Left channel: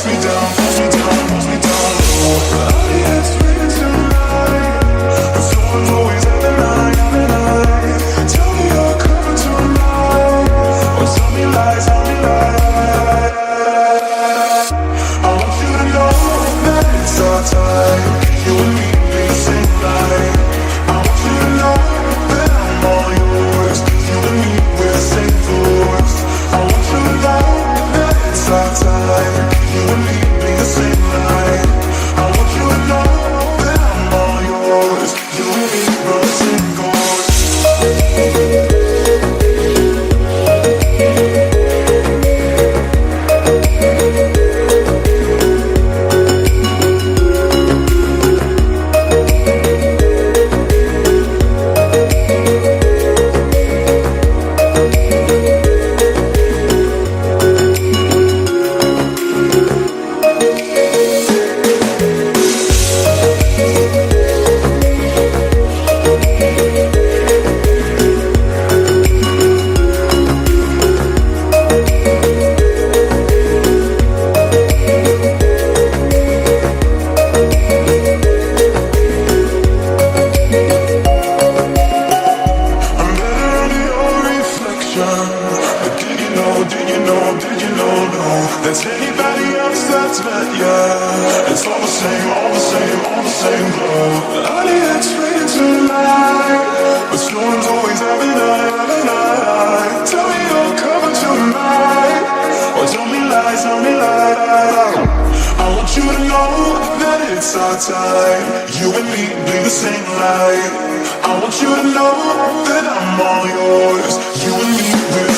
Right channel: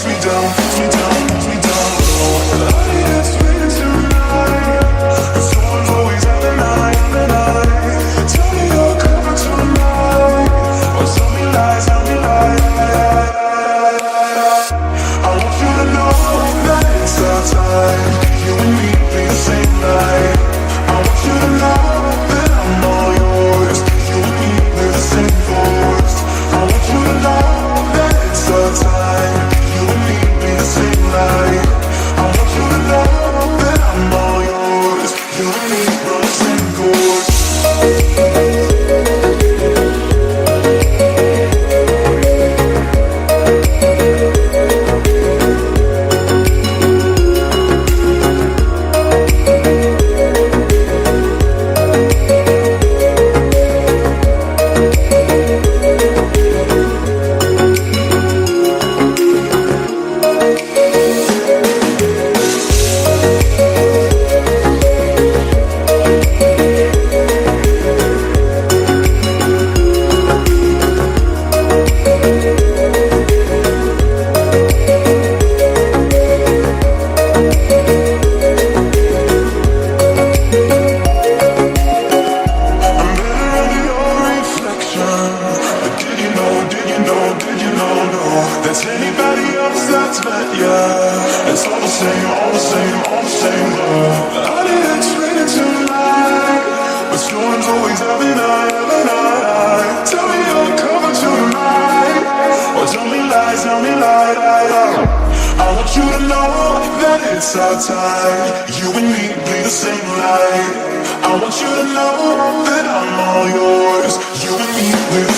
takes me down, pulls me down, pulls me down low. I need it's raining tonight, the storm's always at the night, at the night. Tell me you're covered tonight, or tell me lies, tell me lies. I want you to know that it's our time, you and me be the same night. I want you to know that I'm all yours, you and me we're the same force. I want you to know that it's our time, you and me be the same light. I want you to know that I'm all yours, you and me we're the same course. I'm better under your reflection. But did you know, did you know, did you know, no, that's anybody else that's met ya? It's all the same, all the same, all the same love. Honey, it's raining tonight, but storms always have a night, have a night. Tell me you're covered tonight, or tell me lies, tell me lies. I want you to know that it's our time, you and me bleed the same light. I want you to know that I'm all yours, you and me we're